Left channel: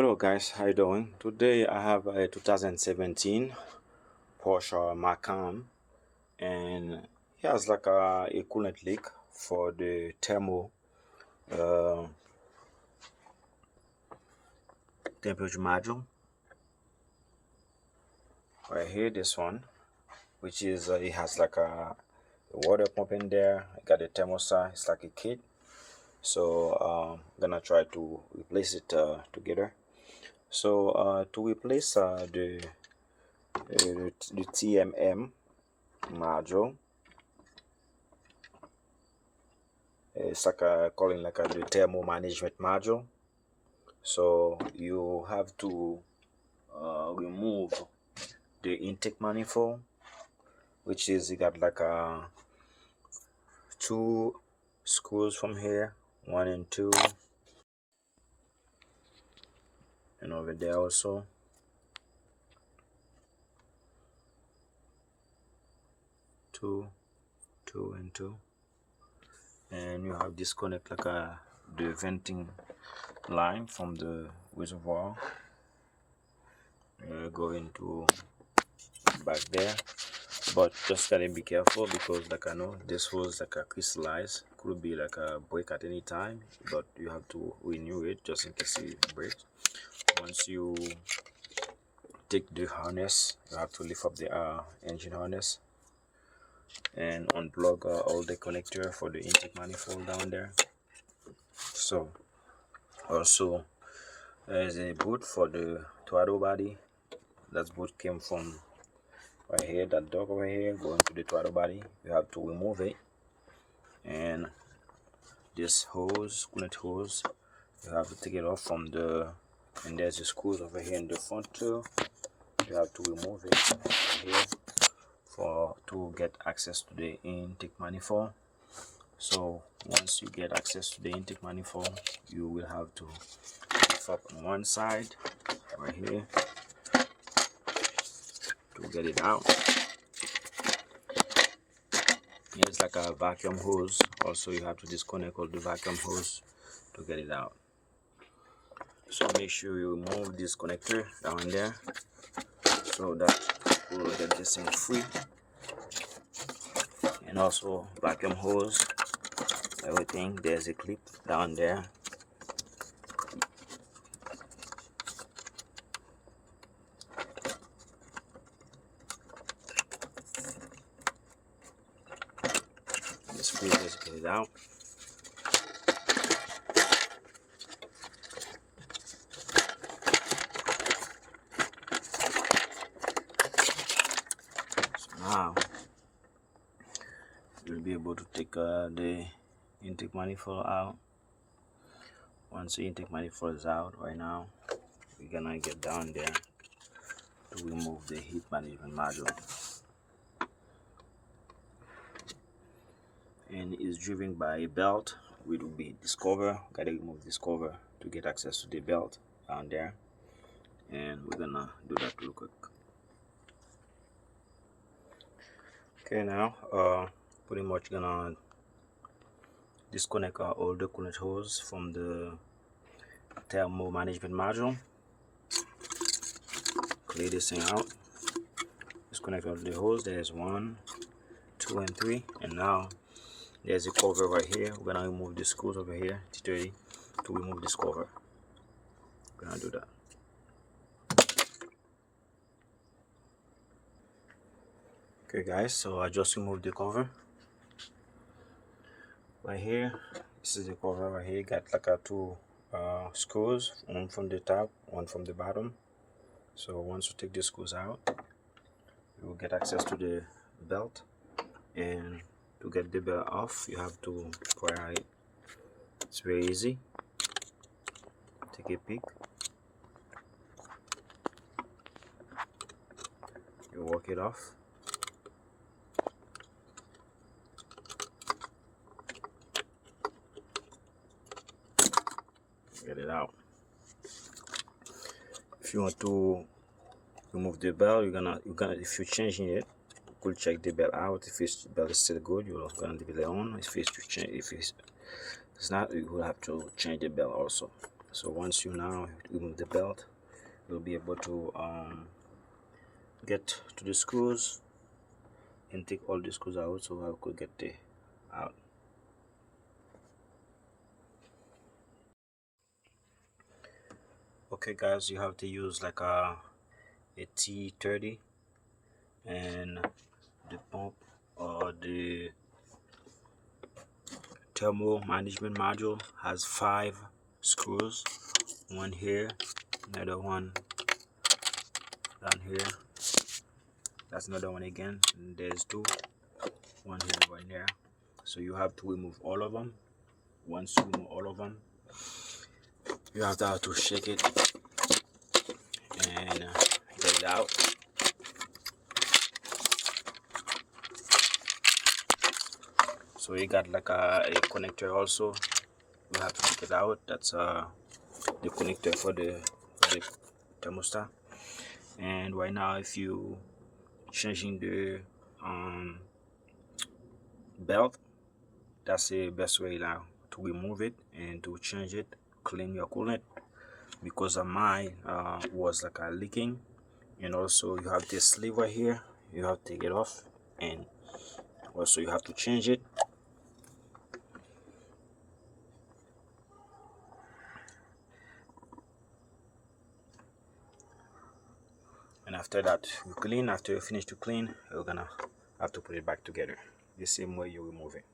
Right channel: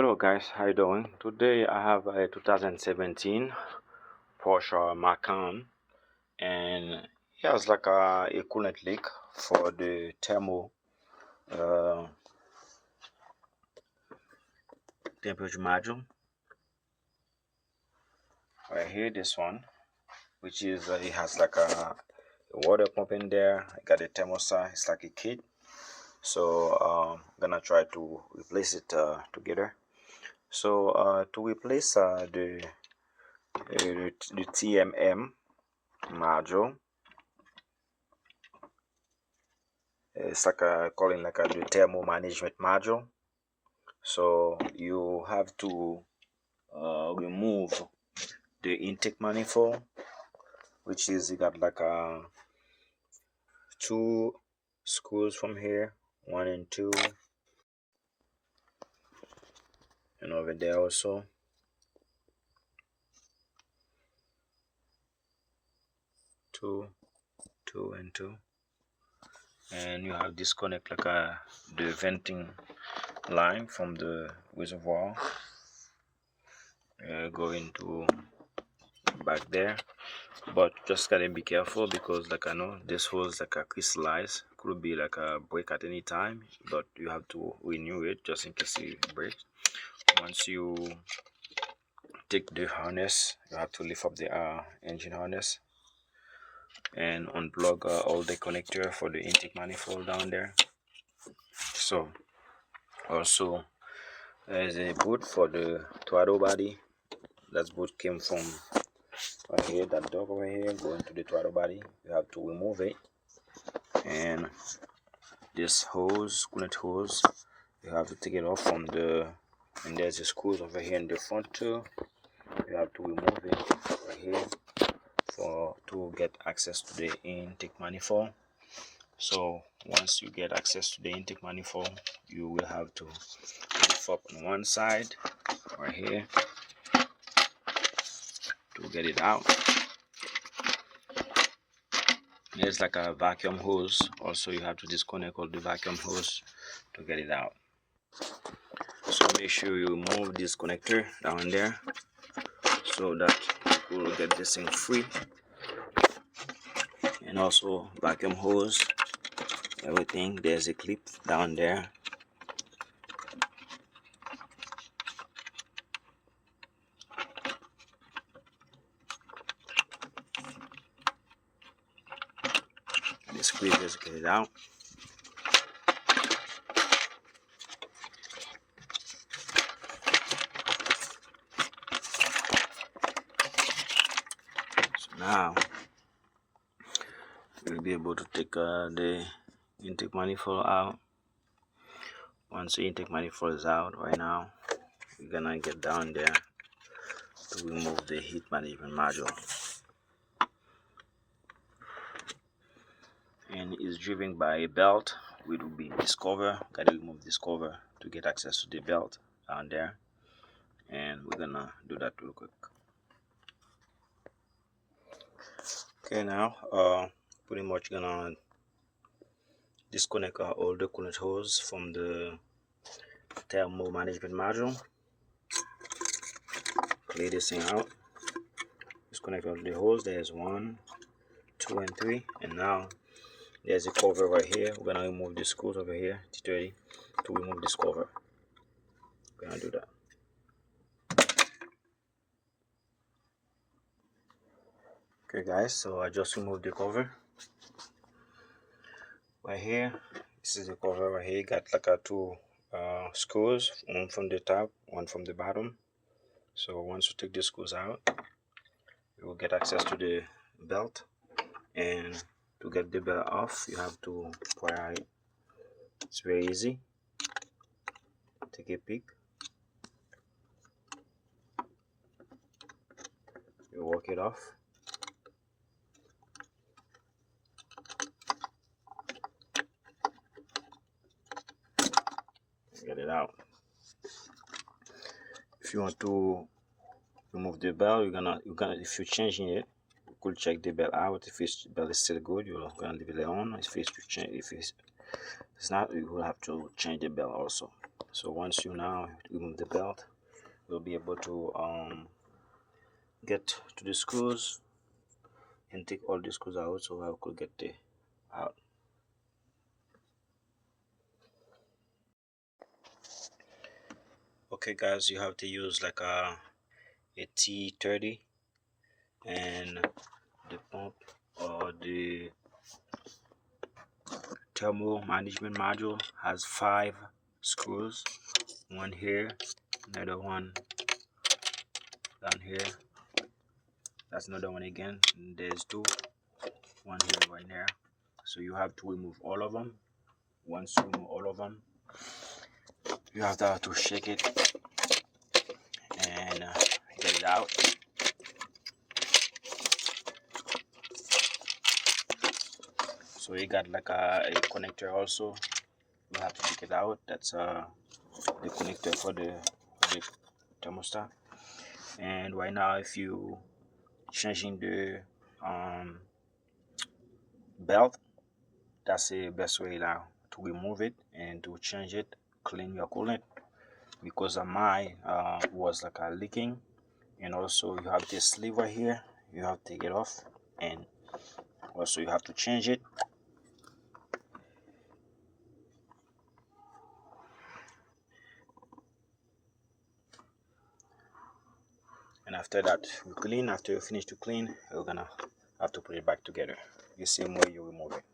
Hello guys, how you doing? Today I have a 2017 Porsche Macan, and it has like a coolant leak for the uh, temperature module right here. This one, which is it has like a water pump in there. I got a thermostat. It's like a kit. So I'm gonna try to replace it together. So to replace the TMM module, it's like calling like the thermal management module. So you have to remove the intake manifold, which is you got like two screws from here, one and two, and over there also. Two and two, and you have disconnect like the venting line from the reservoir going to back there. But just gotta be careful because like I know this hose like a crystallized, could be like a break at any time, but you have to renew it just in case it breaks. Once you take the harness, you have to lift up the engine harness and unplug all the connector for the intake manifold down there. So also there's a boot for the throttle body. That boot came from right here, that dog over here going to the throttle body. You have to remove it, and this hose, coolant hose, you have to take it off from the, and there's the screws over here in the front too. You have to remove it right here to get access to the intake manifold. So once you get access to the intake manifold, you will have to lift up on one side right here to get it out. There's like a vacuum hose. Also, you have to disconnect all the vacuum hose to get it out. So make sure you remove this connector down there so that we will get this thing free. And also vacuum hose, everything. There's a clip down there. This clip is get it out. So now you'll be able to take the intake manifold out. Once the intake manifold is out, right now we're gonna get down there to remove the heat management module, and it's driven by a belt, which will be this cover. Gotta remove this cover to get access to the belt down there, and we're gonna do that real quick. Okay, now pretty much gonna disconnect all the coolant hose from the thermal management module. Clear this thing out. Disconnect all the hose. There's 1, 2, and 3, and now there's a cover right here. We're gonna remove the screws over here, T30, to remove this cover. We're gonna do that. Okay guys, so I just removed the cover right here. This is the cover right here. Got like two screws, one from the top, one from the bottom. So once you take the screws out, you will get access to the belt, and to get the belt off you have to pry it. It's very easy. Take a peek. You work it off. Get it out. If you want to remove the belt, you're gonna if you're changing it, you could check the belt out. If the belt is still good, you're gonna leave it on. If it's not, you will have to change the belt also. So once you now remove the belt, you'll be able to get to the screws and take all the screws out, so I could get the out. Okay guys, you have to use like a T30, and the pump or the thermal management module has 5 screws, one here, another one down here, that's another one again, and there's 2, one here, one there. So you have to remove all of them. Once you remove all of them, you have to shake it and get it out. So you got like a connector also, you have to take it out. That's the connector for the thermostat. And right now, if you changing the belt, that's the best way now to remove it and to change it, clean your coolant, because mine was like a leaking. And also you have this sleeve right here, you have to take it off, and also you have to change it. And after that you clean, after you finish to clean, you're gonna have to put it back together the same way you remove it.